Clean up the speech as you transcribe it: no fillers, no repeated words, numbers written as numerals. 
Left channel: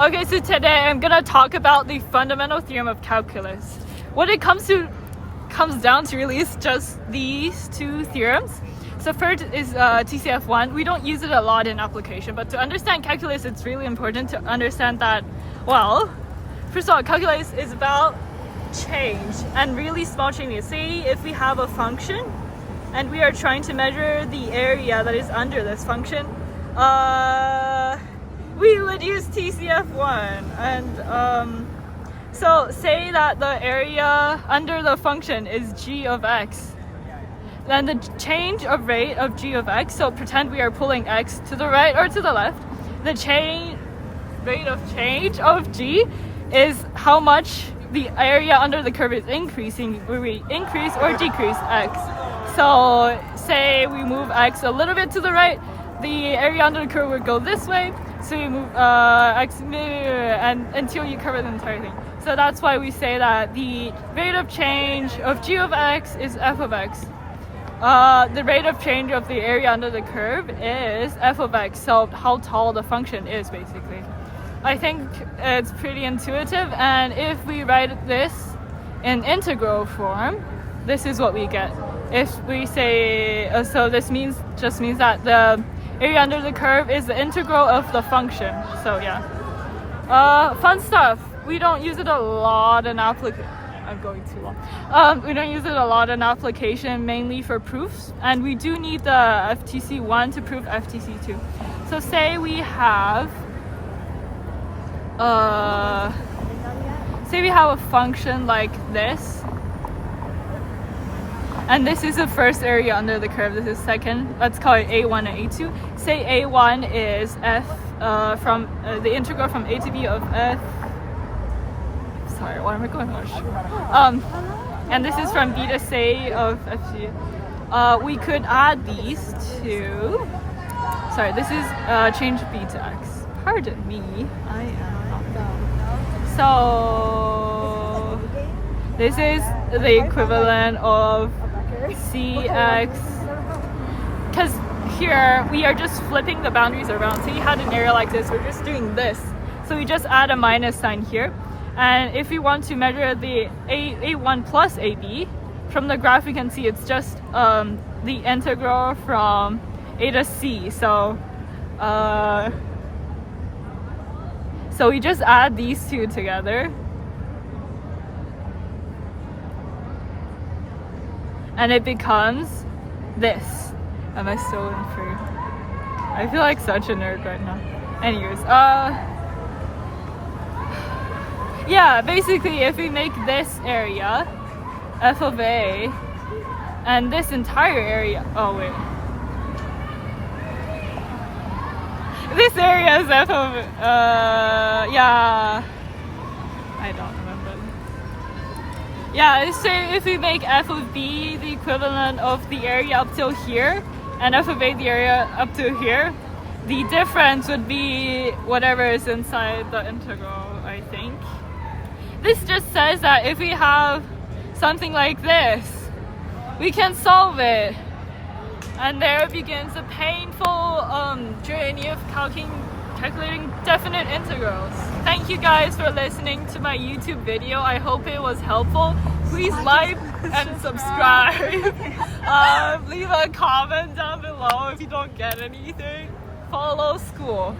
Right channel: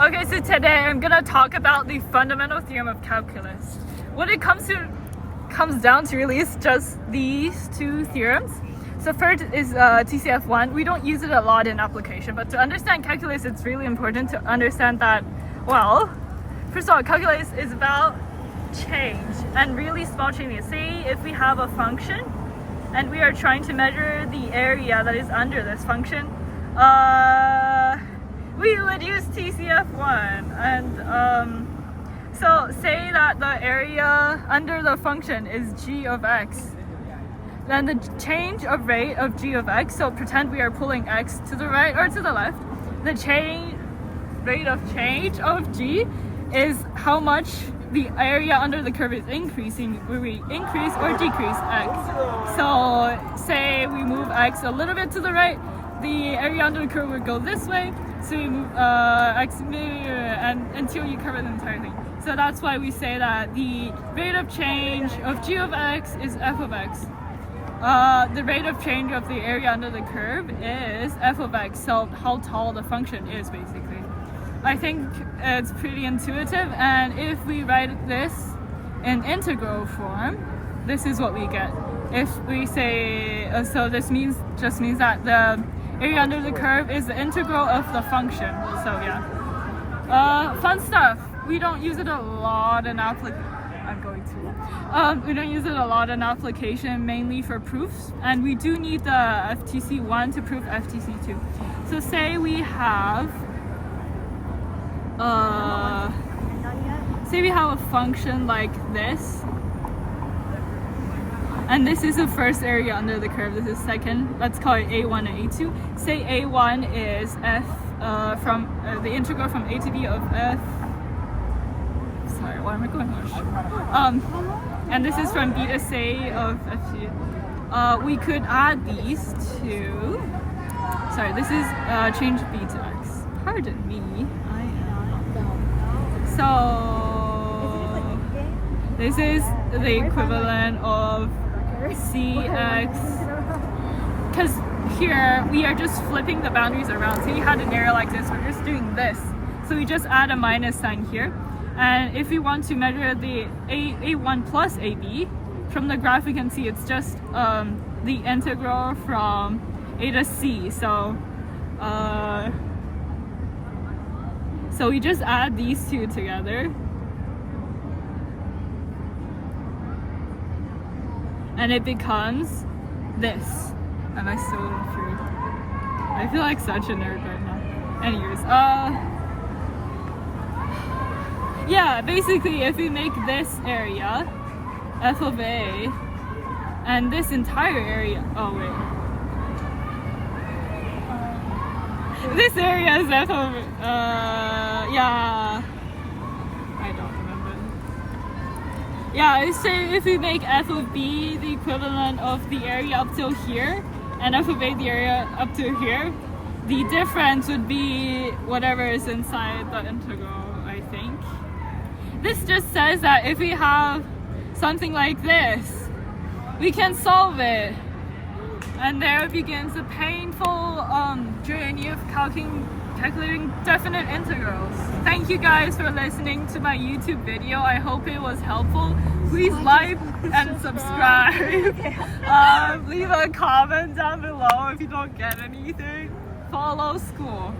Okay, so today I'm gonna talk about the fundamental theorem of calculus. What it comes down to really is just these two theorems. So first is TCF1. We don't use it a lot in application, but to understand calculus, it's really important to understand that, well, first of all, calculus is about change and really small changes. Say if we have a function and we are trying to measure the area that is under this function, we would use TCF1. And so say that the area under the function is g of x. Then the change of rate of g of x, so pretend we are pulling x to the right or to the left, the rate of change of g is how much the area under the curve is increasing, where we increase or decrease x. So say we move x a little bit to the right, the area under the curve would go this way, so we move x and until you cover the entire thing. So that's why we say that the rate of change of g of x is f of x. The rate of change of the area under the curve is f of x, so how tall the function is basically. I think it's pretty intuitive, and if we write this in integral form, this is what we get. If we say, so this just means that the area under the curve is the integral of the function. So yeah. Fun stuff. We don't use it a lot in application. I'm going too long. We don't use it a lot in application, mainly for proofs, and we do need the FTC1 to prove FTC2. So say we have a function like this, and this is the first area under the curve, this is second, let's call it a1 and a2. Say a1 is f from the integral from a to b of f, sorry, why am I going much? And this is from b to c of fc. We could add these two, sorry, this is change b to x, pardon me, I am not good. So this is the equivalent of cx, because here we are just flipping the boundaries around. So you had an area like this, we're just doing this, so we just add a minus sign here. And if we want to measure the a1 plus ab, from the graph you can see it's just the integral from a to c. So so we just add these two together, and it becomes this. Am I still in free? I feel like such a nerd right now. Anyways, yeah, basically if we make this area f of a and this entire area, oh wait, this area is f of, yeah, I don't remember. Yeah, say if we make f of b the equivalent of the area up till here, and f of a the area up to here, the difference would be whatever is inside the integral, I think. This just says that if we have something like this, we can solve it. And there begins the painful journey of calculating definite integrals. Thank you guys for listening to my YouTube video. I hope it was helpful. Please like and subscribe. Leave a comment down below if you don't get anything. Follow skule.